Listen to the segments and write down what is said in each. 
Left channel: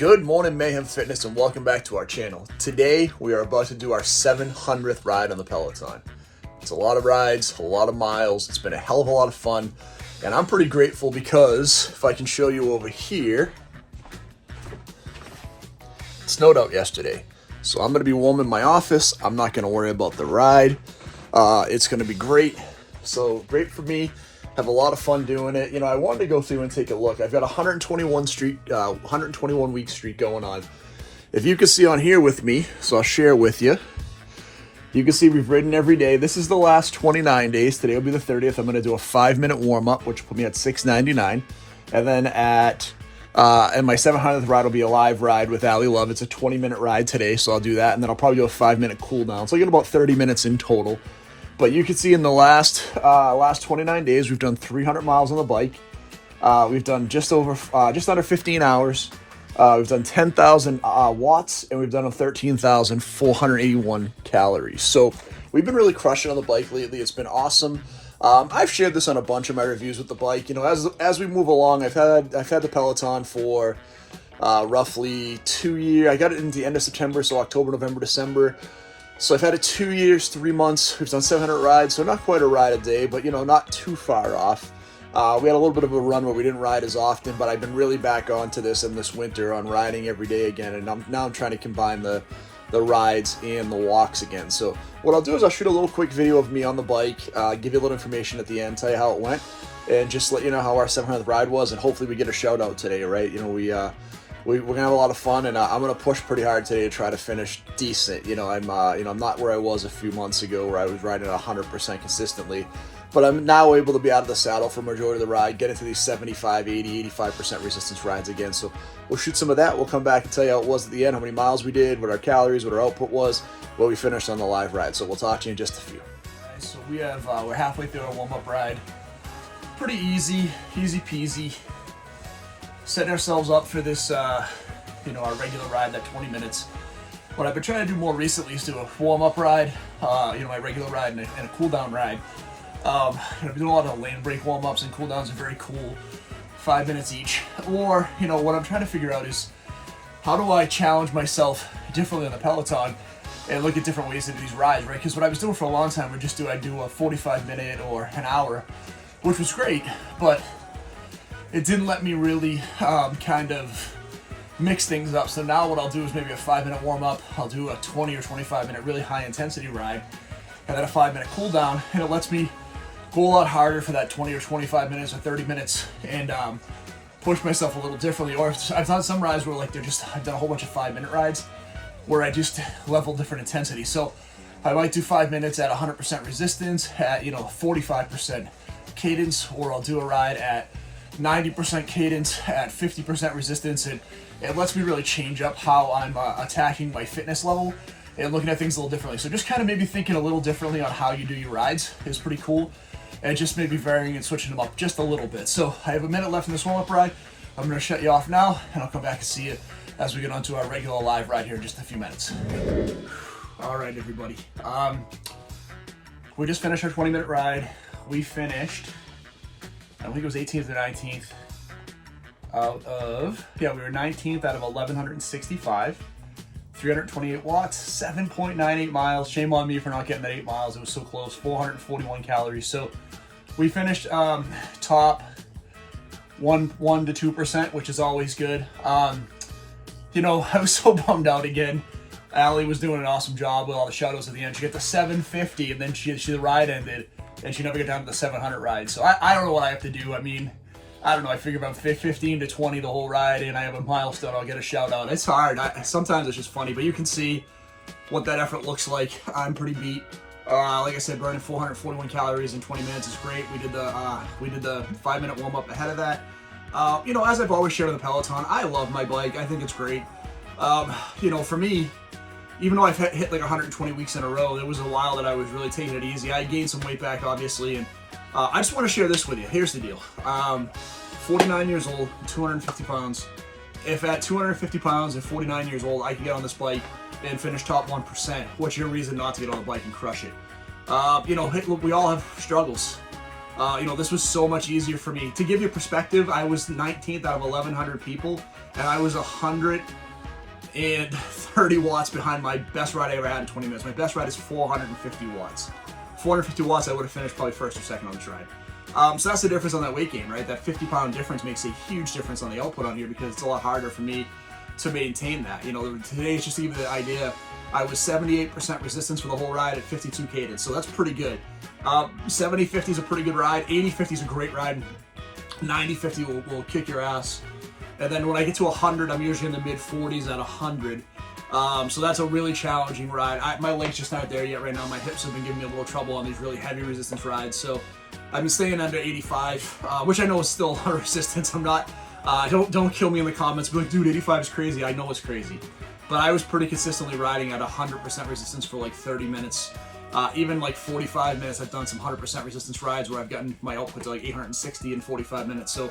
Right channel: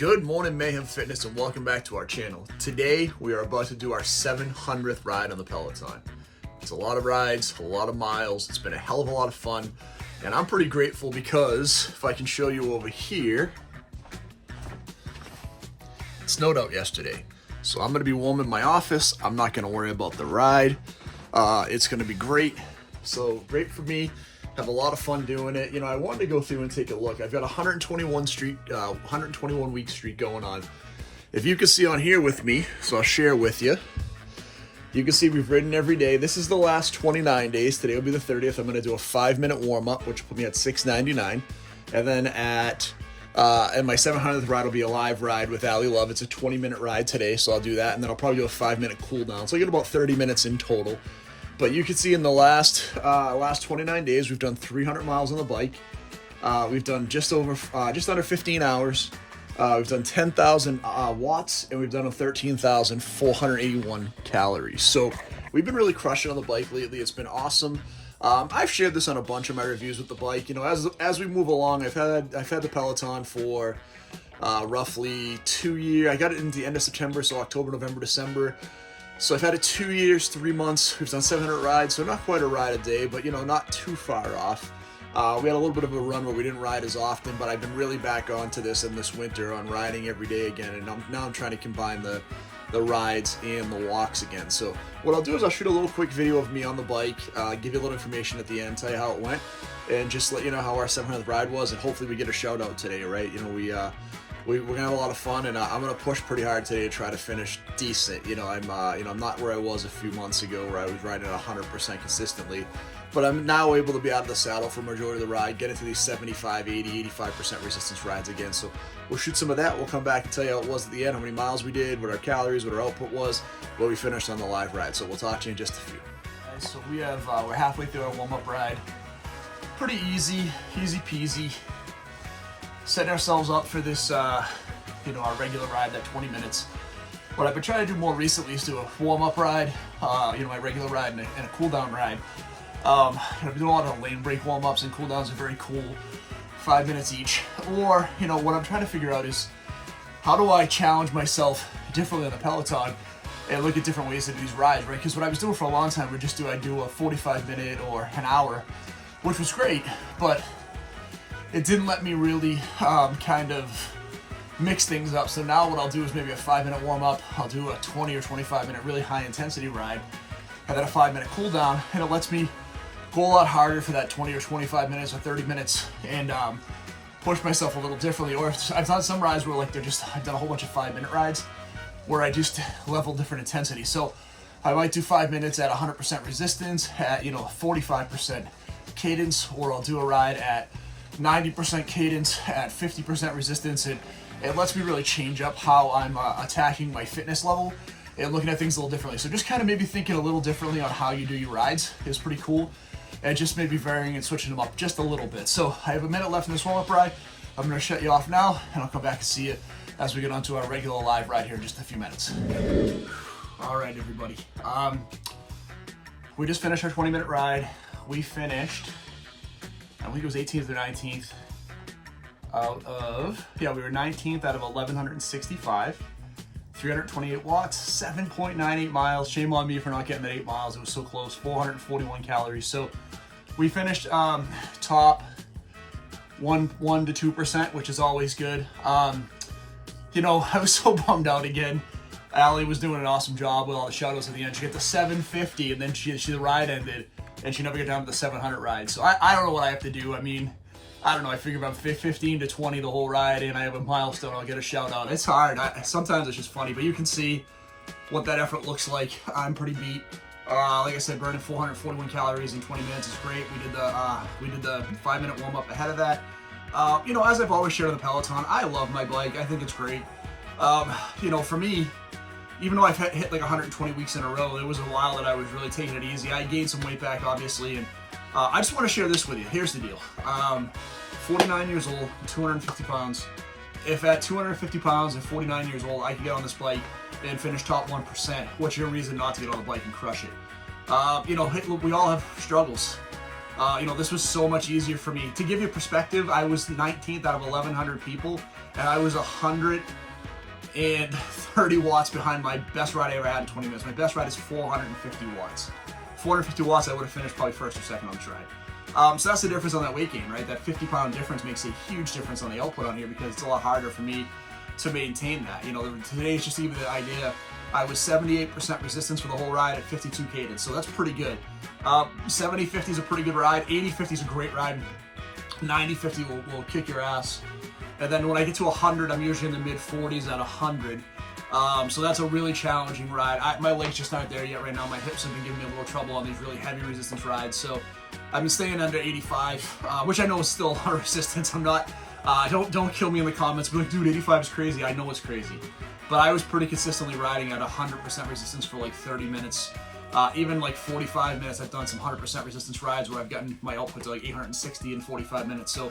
Good morning, Mayhem Fitness, and welcome back to our channel. Today, we are about to do our 700th ride on the Peloton. It's a lot of rides, a lot of miles. It's been a hell of a lot of fun, and I'm pretty grateful because, if I can show you over here, it snowed out yesterday. So I'm going to be warm in my office. I'm not going to worry about the ride. It's going to be great. So, great for me. Have a lot of fun doing it. You know, I wanted to go through and take a look. I've got a 121 week streak going on. If you can see on here with me, so I'll share with you. You can see we've ridden every day. This is the last 29 days. Today will be the 30th. I'm going to do a 5-minute warm-up, which will put me at 6:99. And then and my 700th ride will be a live ride with Allie Love. It's a 20-minute ride today, so I'll do that. And then I'll probably do a 5-minute cool down. So I get about 30 minutes in total. But you can see in the last 29 days, we've done 300 miles on the bike. We've done just under 15 hours. We've done 10,000 watts, and we've done 13,481 calories. So we've been really crushing on the bike lately. It's been awesome. I've shared this on a bunch of my reviews with the bike. You know, as we move along, I've had the Peloton for roughly 2 years. I got it in the end of September, so October, November, December. So I've had it 2 years, 3 months. We've done 700 rides, so not quite a ride a day, but, you know, not too far off. We had a little bit of a run where we didn't ride as often, but I've been really back onto this in this winter on riding every day again, and now I'm trying to combine the rides and the walks again. So what I'll do is I'll shoot a little quick video of me on the bike, give you a little information at the end, tell you how it went, and just let you know how our 700th ride was, and hopefully we get a shout out today, right? You know, we're gonna have a lot of fun, and I'm gonna push pretty hard today to try to finish decent. You know, I'm not where I was a few months ago where I was riding at 100% consistently, but I'm now able to be out of the saddle for majority of the ride, get into these 75, 80, 85% resistance rides again. So we'll shoot some of that. We'll come back and tell you how it was at the end, how many miles we did, what our calories, what our output was, what we finished on the live ride. So we'll talk to you in just a few. Okay, so we're halfway through our warm-up ride. Pretty easy peasy. Setting ourselves up for this, our regular ride, that 20 minutes. What I've been trying to do more recently is do a warm-up ride, my regular ride and a cool-down ride. I've been doing a lot of lane break warm-ups, and cool-downs are very cool, 5 minutes each. Or, what I'm trying to figure out is how do I challenge myself differently on the Peloton and look at different ways to do these rides, right? Because what I was doing for a long time, I'd do a 45-minute or an hour, which was great, but it didn't let me really kind of mix things up. So now what I'll do is maybe a 5-minute warm-up. I'll do a 20 or 25-minute really high-intensity ride, and then a 5-minute cool down, and it lets me go a lot harder for that 20 or 25 minutes or 30 minutes and push myself a little differently. Or I've done some rides where I've done a whole bunch of 5-minute rides where I just level different intensity. So I might do 5 minutes at 100% resistance at 45% cadence, or I'll do a ride at 90% cadence at 50% resistance, and it lets me really change up how I'm attacking my fitness level and looking at things a little differently. So just kind of maybe thinking a little differently on how you do your rides is pretty cool, and just maybe varying and switching them up just a little bit. So I have a minute left in this warm-up ride. I'm going to shut you off now, and I'll come back and see you as we get onto our regular live ride here in just a few minutes. All right, everybody. We just finished our 20-minute ride. We finished, I think it was 18th or 19th we were 19th out of 1,165, 328 watts, 7.98 miles. Shame on me for not getting that 8 miles. It was so close, 441 calories. So we finished top 1 to 2%, which is always good. I was so bummed out again. Allie was doing an awesome job with all the shadows at the end. She got the 750, and then the ride ended, and she never got down to the 700 ride. So I don't know what I have to do. I don't know. I figure if I'm 15 to 20 the whole ride and I have a milestone, I'll get a shout out. It's hard. Sometimes it's just funny, but you can see what that effort looks like. I'm pretty beat. Like I said, burning 441 calories in 20 minutes is great. We did the 5-minute warm up ahead of that. As I've always shared on the Peloton, I love my bike. I think it's great. For me, even though I've hit like 120 weeks in a row, there was a while that I was really taking it easy. I gained some weight back, obviously, and I just want to share this with you. Here's the deal. 49 years old, 250 pounds. If at 250 pounds and 49 years old, I can get on this bike and finish top 1%, what's your reason not to get on the bike and crush it? We all have struggles. This was so much easier for me. To give you perspective, I was 19th out of 1,100 people, and I was 130 watts behind my best ride I ever had in 20 minutes. My best ride is 450 watts. 450 watts, I would have finished probably first or second on this ride. So that's the difference on that weight gain, right? That 50-pound difference makes a huge difference on the output on here because it's a lot harder for me to maintain that. Today it's just to give you the idea, I was 78% resistance for the whole ride at 52 cadence, so that's pretty good. 70-50 is a pretty good ride. 80-50 is a great ride. 90-50 will kick your ass. And then when I get to 100, I'm usually in the mid-40s at 100. So that's a really challenging ride. My legs just aren't there yet right now. My hips have been giving me a little trouble on these really heavy resistance rides. So I've been staying under 85, which I know is still a resistance. I'm not, don't kill me in the comments, but like, dude, 85 is crazy. I know it's crazy. But I was pretty consistently riding at 100% resistance for like 30 minutes. Even like 45 minutes, I've done some 100% resistance rides where I've gotten my output to like 860 in 45 minutes. So,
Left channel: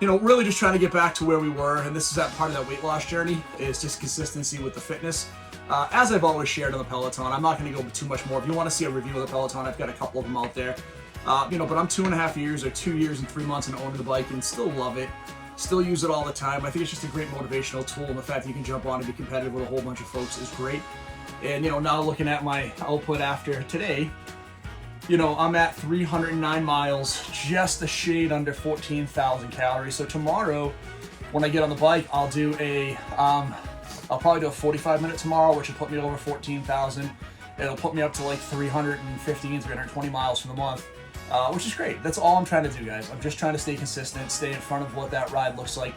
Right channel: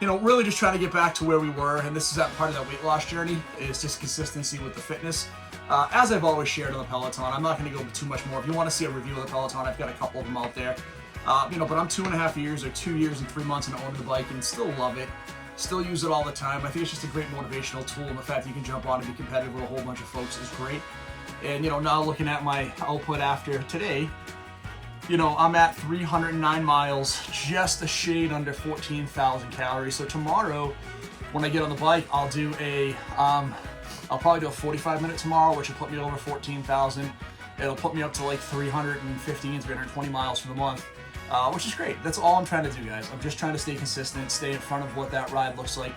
really just trying to get back to where we were. And this is that part of that weight loss journey, is just consistency with the fitness. As I've always shared on the Peloton, I'm not going to go too much more. If you want to see a review of the Peloton, I've got a couple of them out there. But I'm 2.5 years or 2 years and 3 months into owning the bike and still love it. Still use it all the time. I think it's just a great motivational tool, and the fact that you can jump on and be competitive with a whole bunch of folks is great. And now looking at my output after today, I'm at 309 miles, just a shade under 14,000 calories. So tomorrow, when I get on the bike, I'll probably do a 45-minute tomorrow, which will put me over 14,000. It'll put me up to like 315, 320 miles for the month. Which is great. That's all I'm trying to do, guys. I'm just trying to stay consistent, stay in front of what that ride looks like.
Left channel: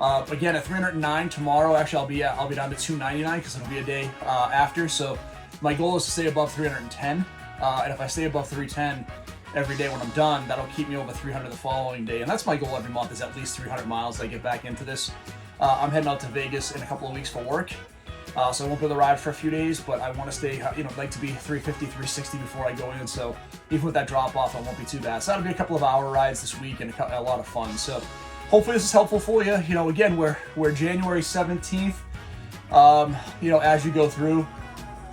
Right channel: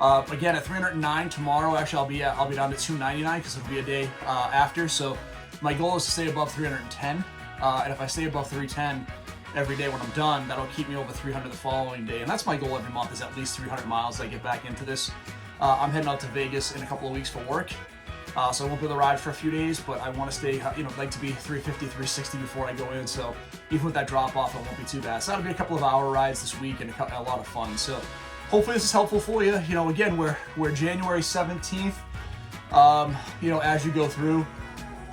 Again, at 309 tomorrow, actually, I'll be down to 299 because it'll be a day after. So my goal is to stay above 310. And if I stay above 310 every day when I'm done, that'll keep me over 300 the following day. And that's my goal every month, is at least 300 miles as I get back into this. I'm heading out to Vegas in a couple of weeks for work. So I won't be able to ride for a few days, but I want to stay, like to be 350, 360 before I go in. So even with that drop off, it won't be too bad. So that'll be a couple of hour rides this week and a lot of fun. So hopefully this is helpful for you. Again, we're January 17th. As you go through,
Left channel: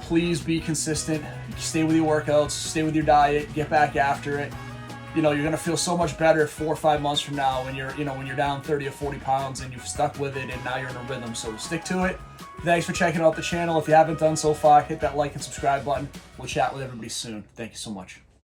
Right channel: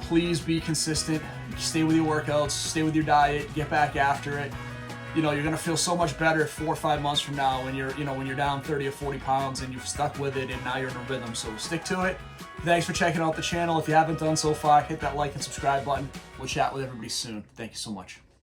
please be consistent. Stay with your workouts, stay with your diet, get back after it. You're going to feel so much better 4 or 5 months from now when you're down 30 or 40 pounds and you've stuck with it and now you're in a rhythm. So stick to it. Thanks for checking out the channel. If you haven't done so far, hit that like and subscribe button. We'll chat with everybody soon. Thank you so much.